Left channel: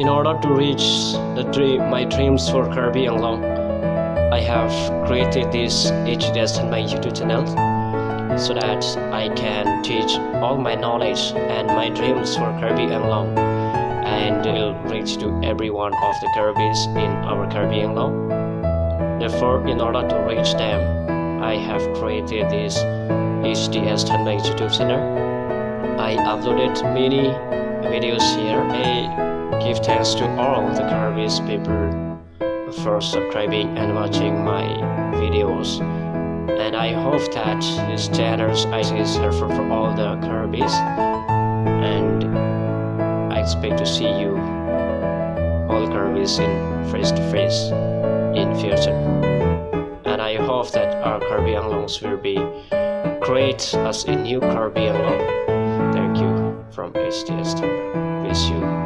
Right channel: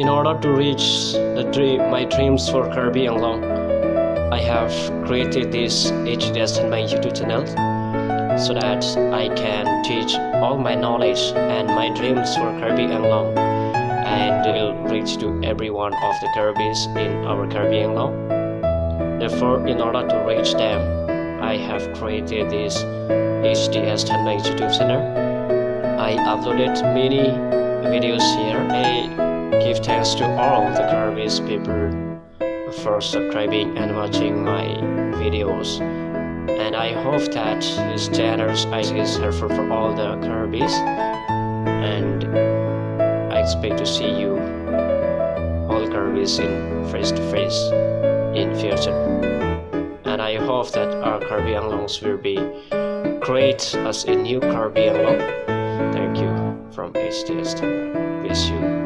In order to reach my dreams for Karbi Anglong, I have created this THANBANG YouTube channel so that I can teach all my knowledge and my dreams for Karbi Anglong, and will reach to every one of the Karbis in our Karbi Anglong. Therefore, in order to reach them, I have created this THANBANG YouTube channel. I uploaded many videos here. I give thanks to all the Karbis people for subscribing and watching my videos, and I hope that this channel is helpful for all the Karbis, and I expect to see you all Karbis in face to face in future, and I hope that our Karbi Anglongs will be create as a new Karbi Anglong. Thank you from THANBANG. Wish you